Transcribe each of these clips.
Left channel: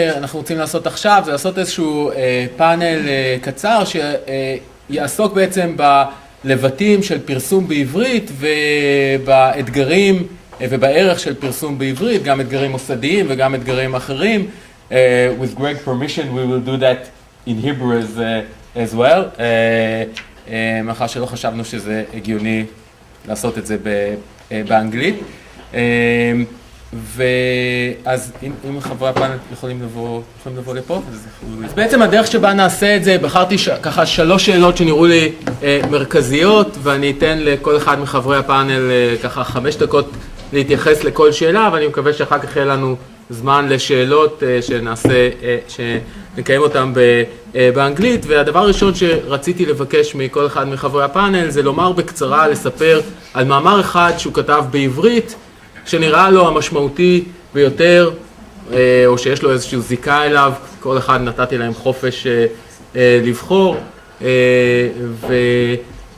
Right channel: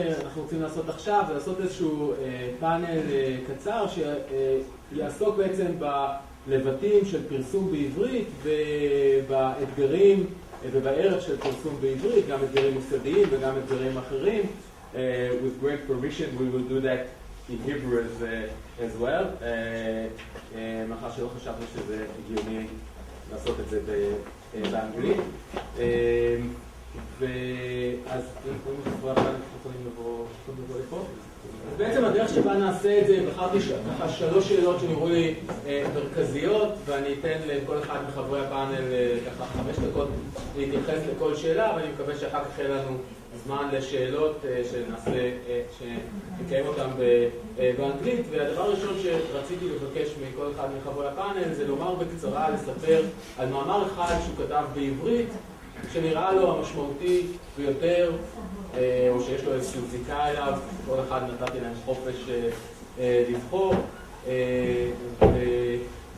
אנחנו רוצים לעשות עכשיו זה לעשות איזשהו פאנל קצר שיעסוק בעצם בלבטים של פרסום בעברית ובאתגרים ובערך של פרסום בעברית, גם אתגרים מוסדיים וגם אתגרים אחרים. With great permission we will do that in Hebrew as well. מאחר שלא חשבנו שזה הגיוני לעשות את זה באנגלית. ואז אם חברי הפאנל יכולים לבוא לפה, אז בעצם הדרך שבה נעשה את זה, בחרתי ככה 3 שאלות שנראו לי מרכזיות, ואני אתן לכל אחד מחברי הפאנל ככה 5 דקות להתייחס לכל שאלה, ואני מקווה שאחר כך יהיה לנו זמן לשאלות שנקיים אותן באנגלית. והדבר הראשון שרציתי לבקש מכל אחד מחברי הפאנל זה לומר בקצרה, לספר על מאמר אחד שהוא כתב בעברית, שנראה לו המשמעותי ביותר, או שיש לו איזושהי זיקה אליו. כל אחד נתתי להם חופש לבחור,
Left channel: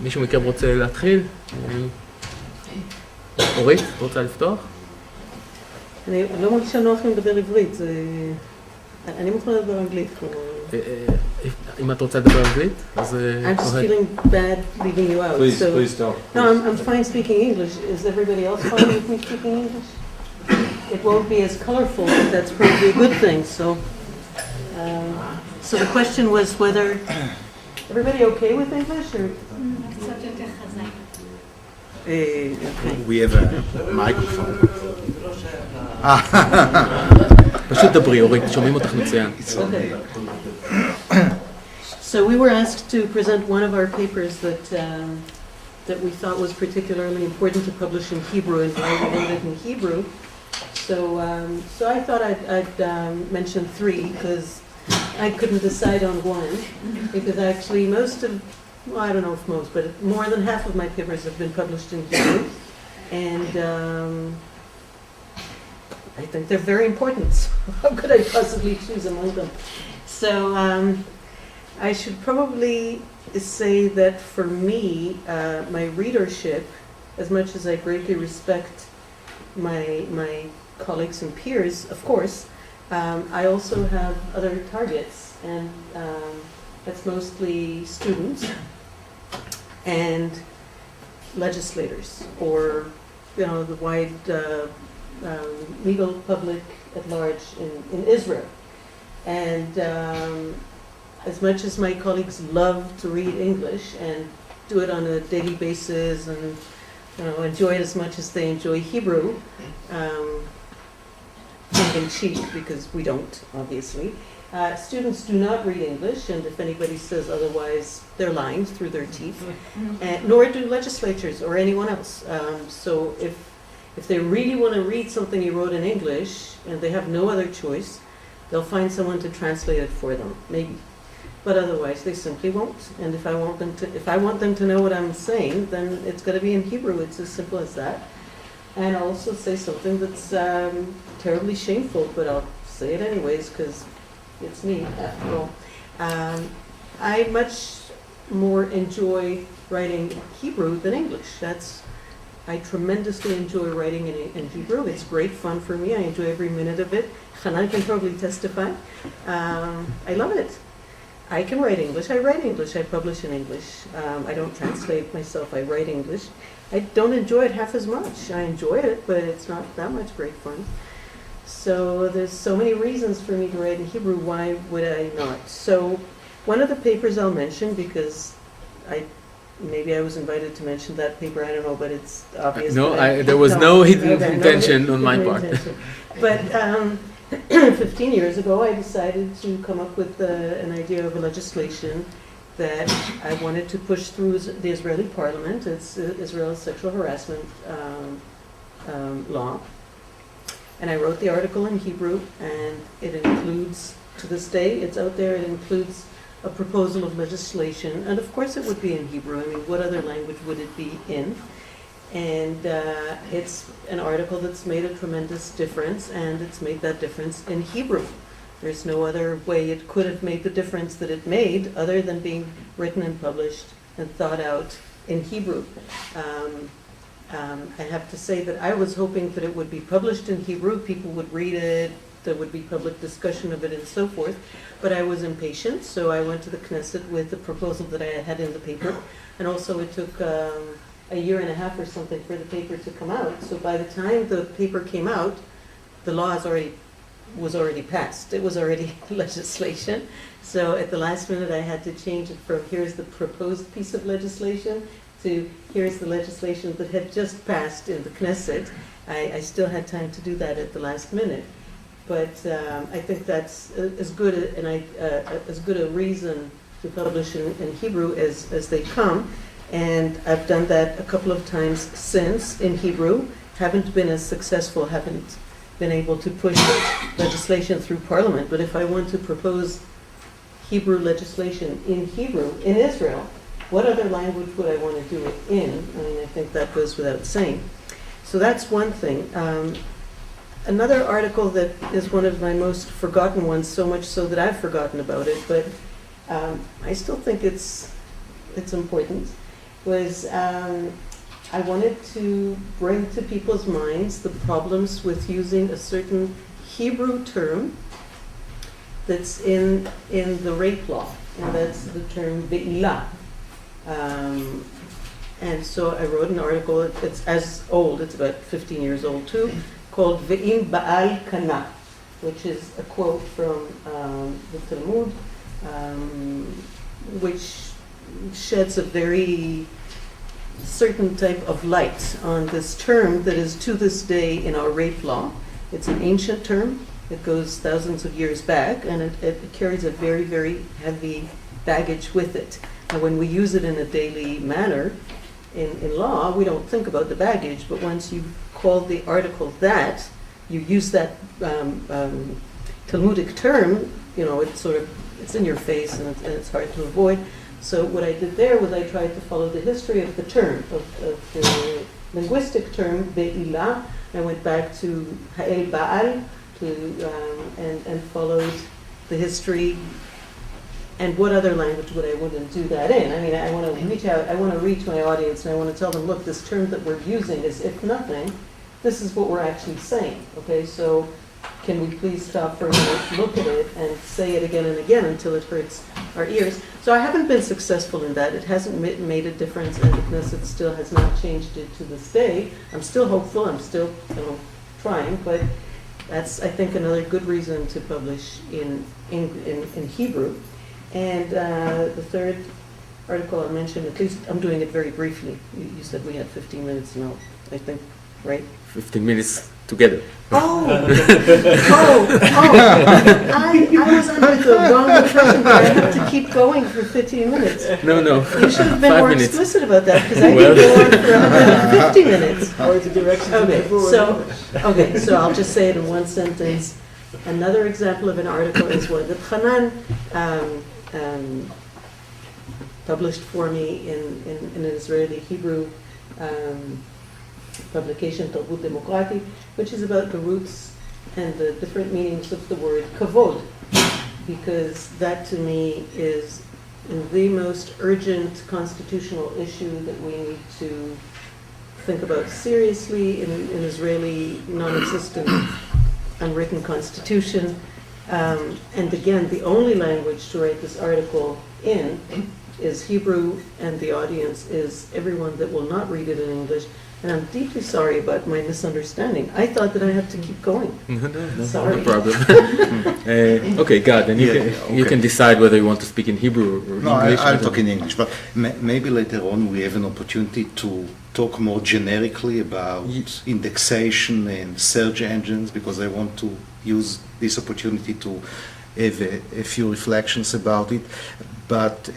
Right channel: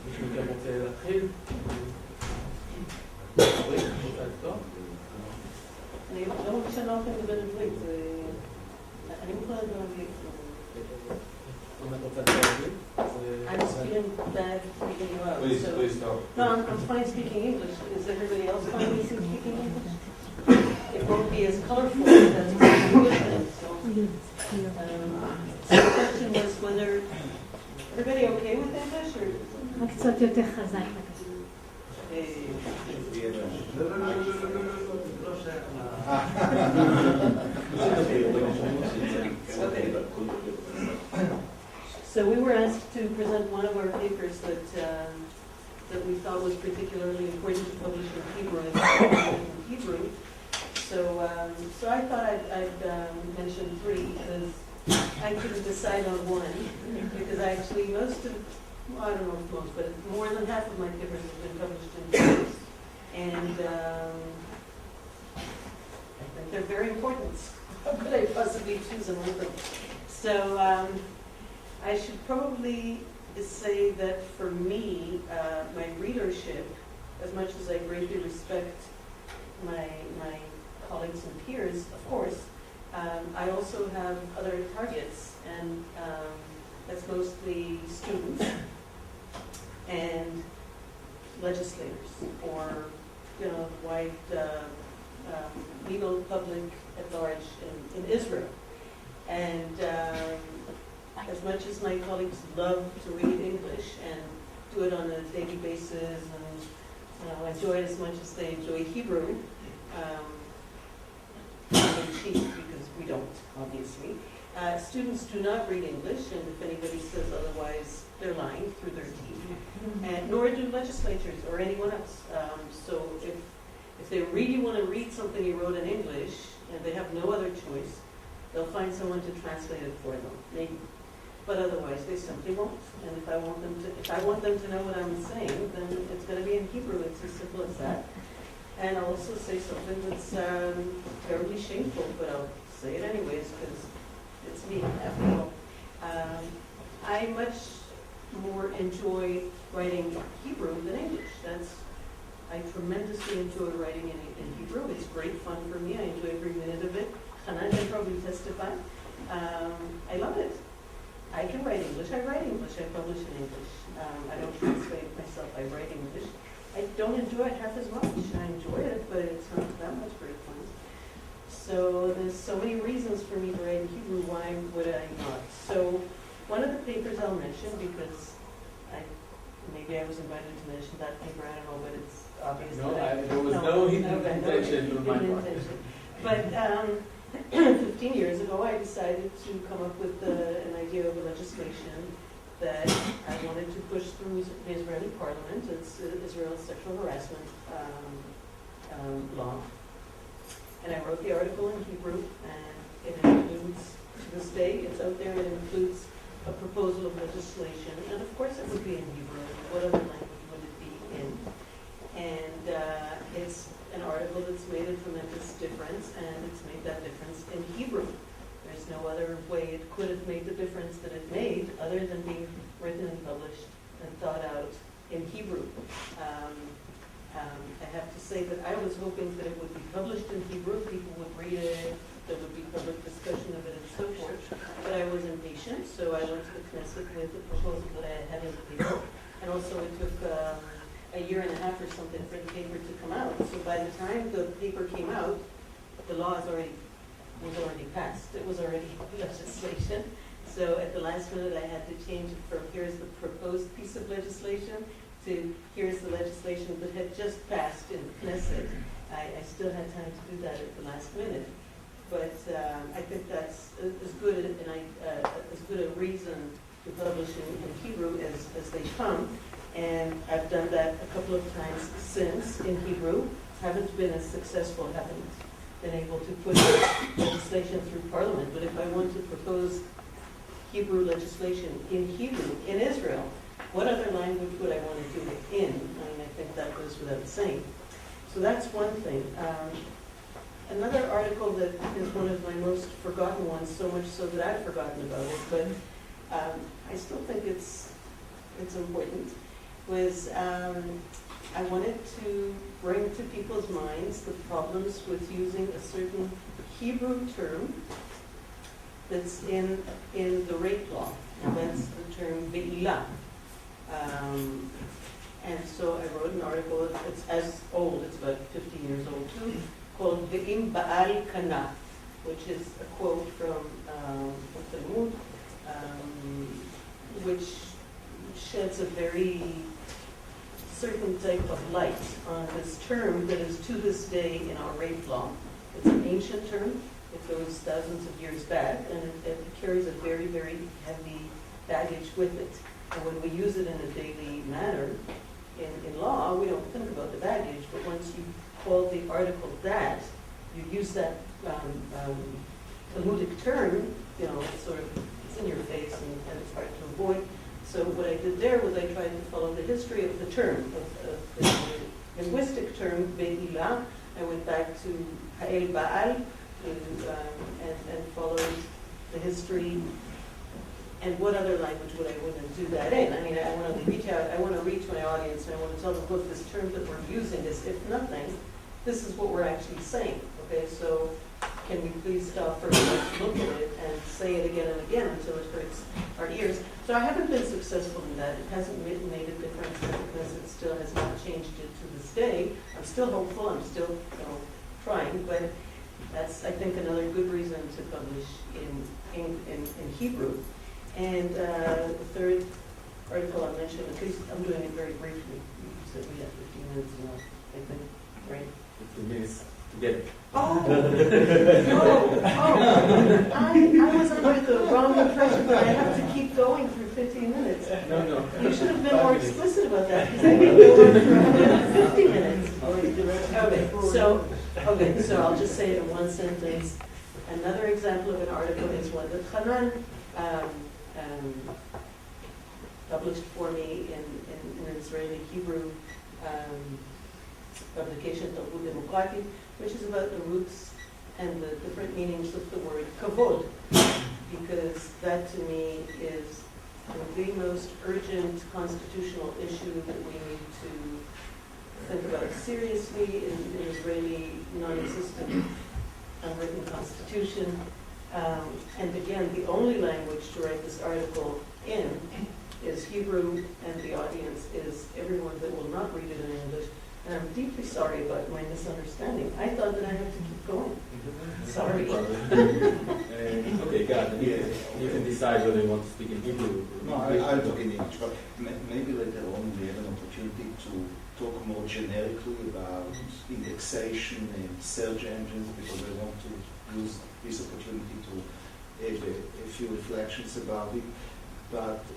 ומישהו מכם רוצה להתחיל? אורית, רוצה לפתוח? אני לא מרגישה נוח לי לדבר עברית, אני מוכנה לדבר אנגלית. אם את רוצה לדבר אנגלית, אז... I'm just feeling bad leaving you out. Please don't. No, I'm fine speaking English. Is everybody else fine with me speaking English? It won't be as colorful, but that's probably a good thing. So the question was whether... Everybody okay with English? Or? We have a microphone. פשוט דברי, אורית, שומעים אותך מצוין. So we were asked to present one of our papers that we thought was particularly important to publish in Hebrew and in Hebrew. So I thought I'd mention 3 because I couldn't decide on one, because actually most of, well, I don't know if most, but more than half of my papers have been published in Hebrew, and I think they're very important. How could I possibly choose among them? So I should probably say that for me, my readership, as much as I greatly respect my colleagues and peers, of course, I also have other targets, and that's mostly students and legislators, or the wide legal public at large in Israel. And as much as my colleagues love to read English and do it on a daily basis and enjoy it as much as they enjoy Hebrew, in cheek, because we don't, obviously. Students do not read English, and if anybody says otherwise, they're lying through their teeth. Nor do legislatures or anyone else. So if they really want to read something you wrote in English and they have no other choice, they'll find someone to translate it for them, maybe. But otherwise, they simply won't. And if I want them to know what I'm saying, then it's going to be in Hebrew. It's as simple as that. And I'll also say something that's terribly shameful, but I'll say it anyways because it's me, after all. I much more enjoy writing Hebrew than English. I tremendously enjoy writing in Hebrew. It's great fun for me. I enjoy every minute of it. Hanan can probably testify. I love it. I can write English. I write English. I publish in English. I don't translate myself. I write English. I don't enjoy it half as much. I enjoy it, but it's not that much great fun. So there's so many reasons for me to write in Hebrew. Why would I not? So one of the papers I'll mention, because maybe I was invited to mention that paper, I don't know, but it's obvious. No, there was no hidden intention on my part. But 15 years ago, I decided to come up with an idea of a legislation that I wanted to push through the Israeli parliament. It's Israel's sexual harassment law. And I wrote the article in Hebrew, and it includes, to this day, it's out there, it includes a proposal of legislation. And of course it would be in Hebrew. I mean, what other language would it be in? And it's an article that's made a tremendous difference, and it's made that difference in Hebrew. There's no other way it could have made the difference that it made other than being written and published and thought out in Hebrew. I have to say that I was hoping that it would be published in Hebrew, people would read it, there would be public discussion of it and so forth. But I was impatient, so I went to the Knesset with the proposal that I had in the paper. And also it took a year and a half or something for the paper to come out. So by the time the paper came out, the law was already passed. It was already legislation. So at the last minute I had to change it from here's the proposed piece of legislation to here's the legislation that had just passed in the Knesset. I still had time to do that at the last minute. But I think that's as good a reason to publish in Hebrew as they come. And I've done that a couple of times since in Hebrew. Haven't been as successful, haven't been able to push legislation through Parliament. But if I want to propose Hebrew legislation in Hebrew, in Israel, what other language would I want to do it in? I mean, I think that goes without saying. So that's one thing. Another article that is one of my most forgotten ones, so much so that I've forgotten about it, but I still think it's important, was I wanted to bring to people's minds the problems with using a certain Hebrew term that's in the rape law, and that's the term be'ilah. And so I wrote an article, it's as old, it's about 15 years old too, called Ve'im Ba'al Kana, which is a quote from the Talmud, which sheds a very certain type of light on this term that is to this day in our rape law. It's an ancient term. It goes thousands of years back, and it carries a very, very heavy baggage with it. And when we use it in a daily manner in law, we don't think about the baggage, but once you call the article that, you use that Talmudic term, you know, it's in your face and it's hard to avoid. So what I did there was I tried to follow the history of the term, of the linguistic term, be'ilah. I went back to ha'el ba'al, and followed the history. And what other language would I wouldn't do that in? I mean, I want to reach out, I want to reach my audience, and I want to tell them, look, this term that we're using is, if nothing, this is what we're actually saying, okay? So can we please stop for a minute, look at it, and say it again and again until it hurts our ears? So I haven't been successful in that. It hasn't made a difference, and the Knesset still has not changed it to this day. I'm still hopeful, I'm still trying, but that's, I think, another good reason to publish in Hebrew. And the third article I mentioned, at least I'm doing it very briefly. You said we had 15 minutes now, I think, right? 15 minutes together. I was under the wrong impression that I have to keep going for 15 minutes. No. You should have been 5 more minutes. explicit about that, because I could go on for 150 minutes. Or the direction Okay, so I'll just say it in one sentence. Another example of an article is one that Hanan published for me in an Israeli Hebrew publication, Tarbut Demokrati, which is about the roots and the different meanings of the word kavod, because that to me is the most urgent constitutional issue that we need to think about seriously in an Israeli non-existent unwritten constitution. And again, the only language to write this article in is Hebrew, and the audience is everyone that will not read it in English. And I'm deeply sorry about my misunderstanding. I thought that I had to keep going. Sorry. No problem. Okay, God, then you can decide whether you want to speak in Hebrew or No, English. I'll talk in English, but maybe later on we have an opportunity to talk more generically about indexation and search engines, because I want to use this opportunity to have a few reflections about it. But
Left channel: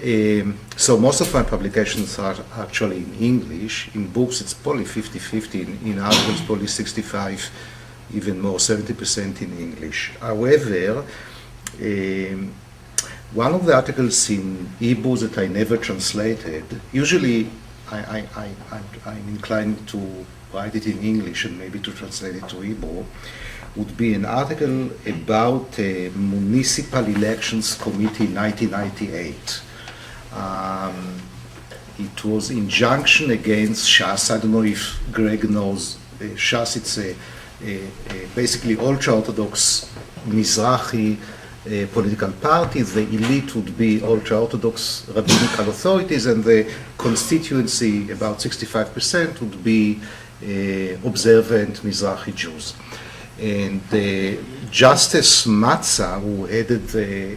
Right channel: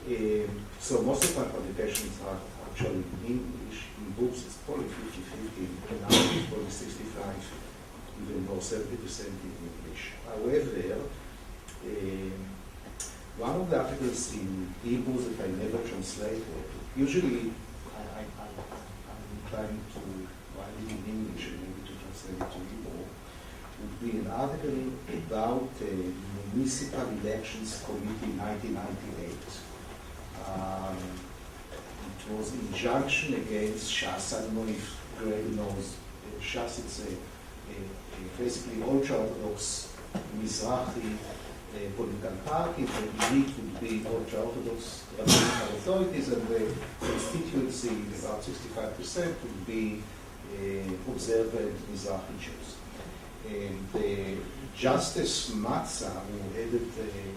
so most of my publications are actually in English. In books it's probably 50-50, in articles probably 65, even more, 70% in English. However, one of the articles in Hebrew that I never translated, usually I'm inclined to write it in English and maybe to translate it to Hebrew, would be an article about Municipal Elections Committee 1998. It was injunction against Shas. I don't know if Greg knows. Shas, it's a basically ultra-Orthodox Mizrahi political parties. The elite would be ultra-Orthodox rabbinical authorities, and the constituency, about 65%, would be observant Mizrahi Jews. And Justice Matza, who headed the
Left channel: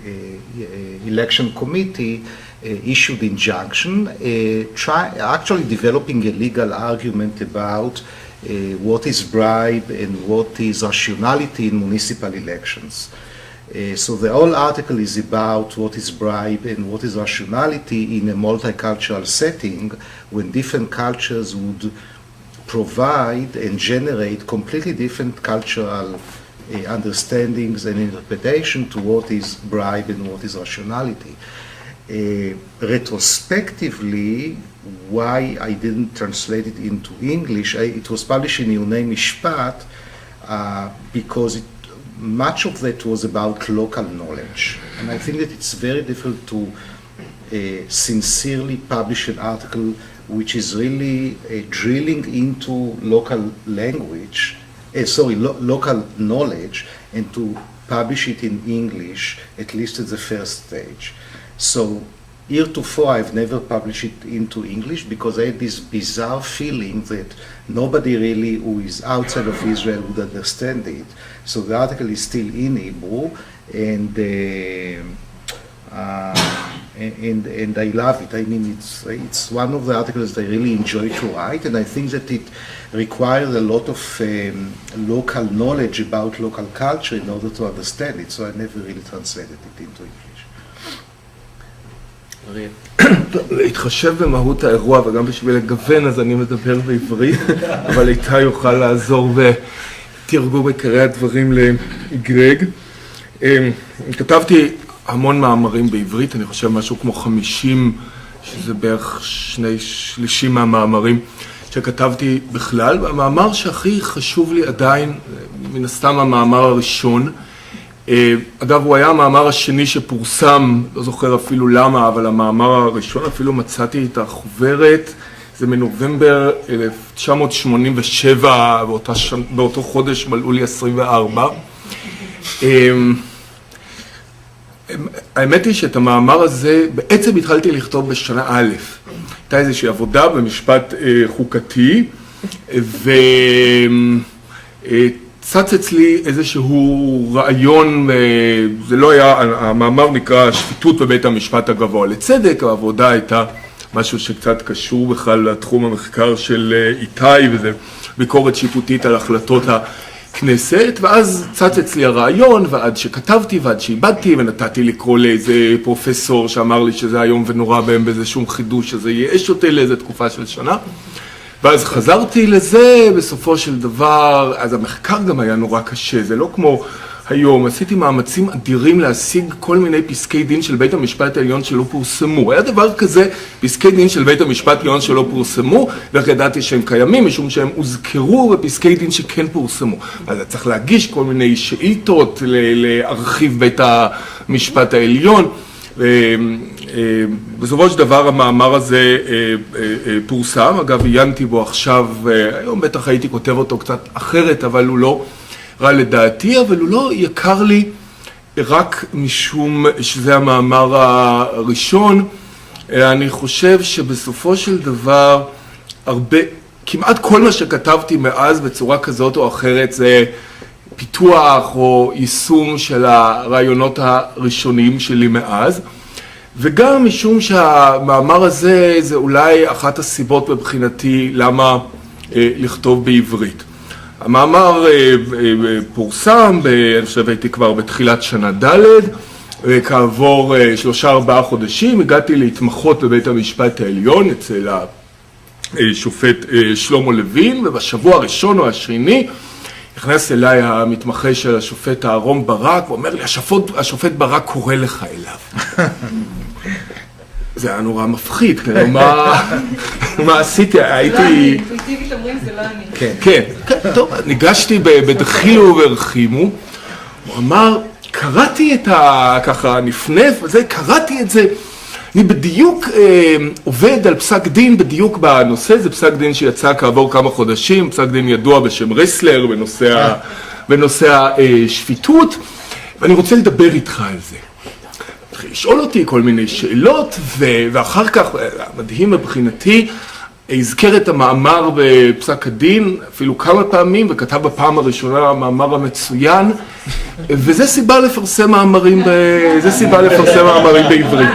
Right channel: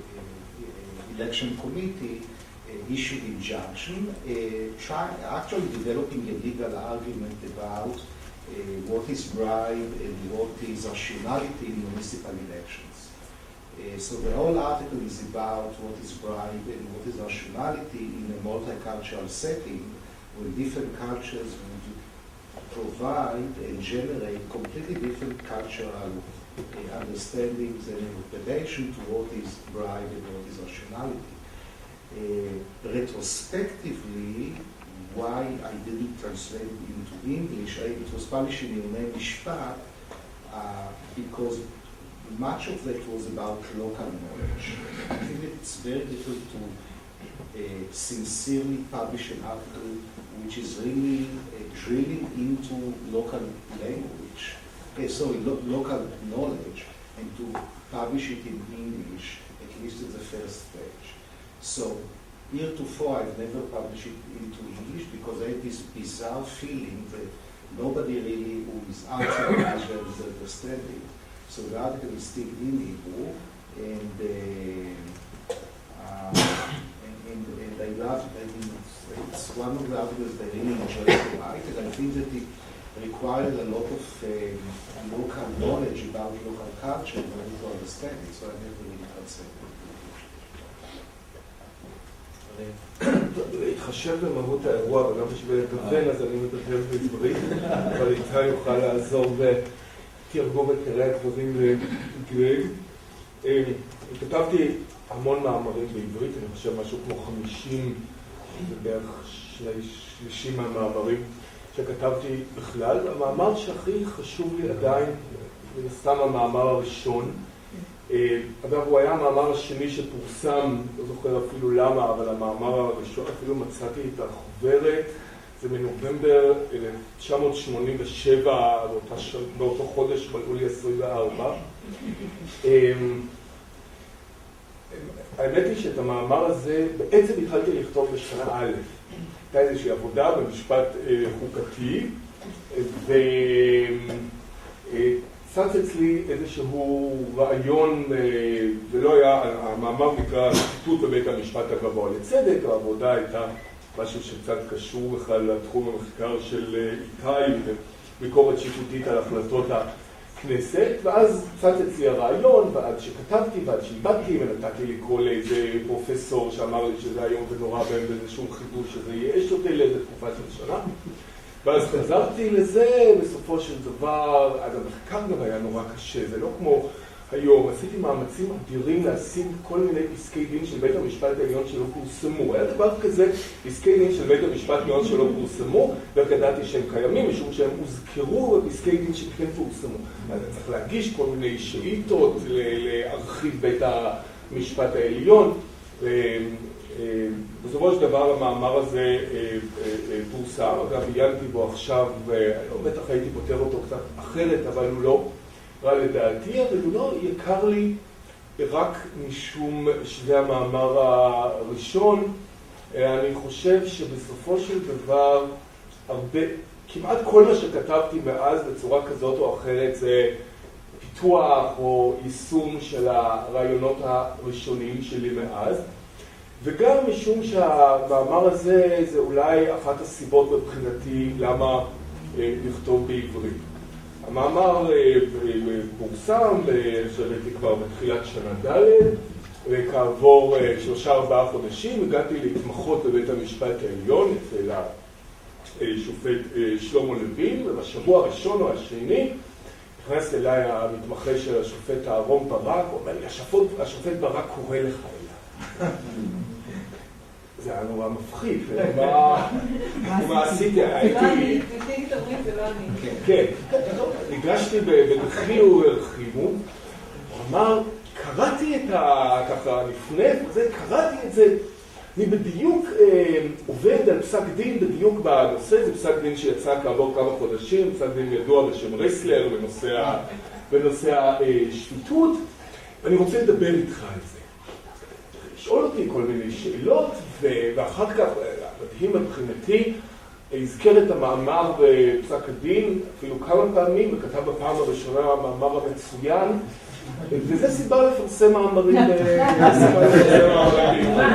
election committee, issued injunction, actually developing a legal argument about what is bribe and what is rationality in municipal elections. So the whole article is about what is bribe and what is rationality in a multicultural setting when different cultures would provide and generate completely different cultural understandings and interpretation to what is bribe and what is rationality. Retrospectively, why I didn't translate it into English, it was published in דיוני משפט because much of that was about local knowledge. And I think that it's very difficult to sincerely publish an article which is really drilling into local language, local knowledge, and to publish it in English, at least at the first stage. So heretofore I've never published it into English because I had this bizarre feeling that nobody really who is outside of Israel would understand it. So the article is still in Hebrew, and I love it. I mean, it's one of the articles that I really enjoy to write, and I think that it requires a lot of local knowledge about local culture in order to understand it, so I never really translated it into English. להתחשב במהות האירוע וגם בשביל לגוון אז אני מדבר בעברית, אבל איתה יוכל לעזור ותרגום עיקרי הדברים לגרג. כתבתי המון מאמרים בעברית, אני חושב משהו כמו 50, שזה בערך 2/3 מהמאמרים שכתבתי בכלל, והמאמר שהכי חשוב לי עדיין, מן הסתם המאמר הראשון, אגב, הוא היה המאמר השני שפורסם, לא זוכר אפילו למה, אבל המאמר הראשון, אפילו מצאתי את החוברת, זה מנובמבר 1987, באותו חודש מלאו לי 24. האמת היא שאת המאמר הזה בעצם התחלתי לכתוב בשנה א'. הייתה איזושהי עבודה במשפט חוקתי, צץ אצלי איזשהו רעיון, זה לא היה, המאמר נקרא שפיטות בבית המשפט הגבוה לצדק, העבודה הייתה משהו שקצת קשור בכלל לתחום המחקר של איתי, וזה ביקורת שיפוטית על החלטות הכנסת, ואז צץ אצלי הרעיון, ועד שכתבתי ועד שאיבדתי, ונתתי לקרוא לאיזה פרופסור שאמר לי שזה היום ונורא בהם באיזה שום חידוש, שזה ייאש אותי לאיזה תקופה של שנה. ואז חזרתי לזה, בסופו של דבר, אז המחקר גם היה נורא קשה, זה לא כמו היום, עשיתי מאמצים אדירים להשיג כל מיני פסקי דין של בית המשפט העליון שלא פורסמו. היה דבר כזה, פסקי דין של בית המשפט העליון שלא פורסמו, ואיך ידעתי שהם קיימים, משום שהם הוזכרו בפסקי דין שכן פורסמו. אז צריך להגיש כל מיני שאילתות להרחיב בית המשפט העליון, בסופו של דבר המאמר הזה פורסם, אגב עיינתי בו עכשיו, היום בטח הייתי כותב אותו קצת אחרת, אבל הוא לא רע לדעתי, אבל הוא לא יקר לי רק משום שזה המאמר הראשון. אני חושב שבסופו של דבר כמעט כל מה שכתבתי מאז בצורה כזאת או אחרת זה פיתוח או יישום של הרעיונות הראשונים שלי מאז, וגם משום שהמאמר הזה זה אולי אחת הסיבות בבחינתי למה לכתוב בעברית. המאמר פורסם, אני חושב הייתי כבר בתחילת שנה ד', וכעבור 3-4 חודשים הגעתי להתמחות בבית המשפט העליון אצל השופט שלמה לוין, ובשבוע הראשון או השני נכנס אליי המתמחה של השופט אהרון ברק, ואומר לי, השופט ברק קורא לך אליו. זה היה נורא מפחיד, כאילו, מה עשיתי? הייתי... אינטואיטיבית אומרים, זה לא אני. כן, טוב, ניגשתי בדחילו וברחימו, הוא אמר, קראתי את ככה נפנף, קראתי את זה, אני בדיוק עובד על פסק דין בדיוק בנושא, זה פסק דין שיצא כעבור כמה חודשים, פסק דין ידוע בשם רסלר בנושא השפיטות, ואני רוצה לדבר איתך על זה. התחיל לשאול אותי כל מיני שאלות, ואחר כך, מדהים מבחינתי, הזכר את המאמר בפסק הדין אפילו כמה פעמים, וכתב בפעם הראשונה המאמר המצוין, וזה סיבה לפרסם מאמרים בעברית.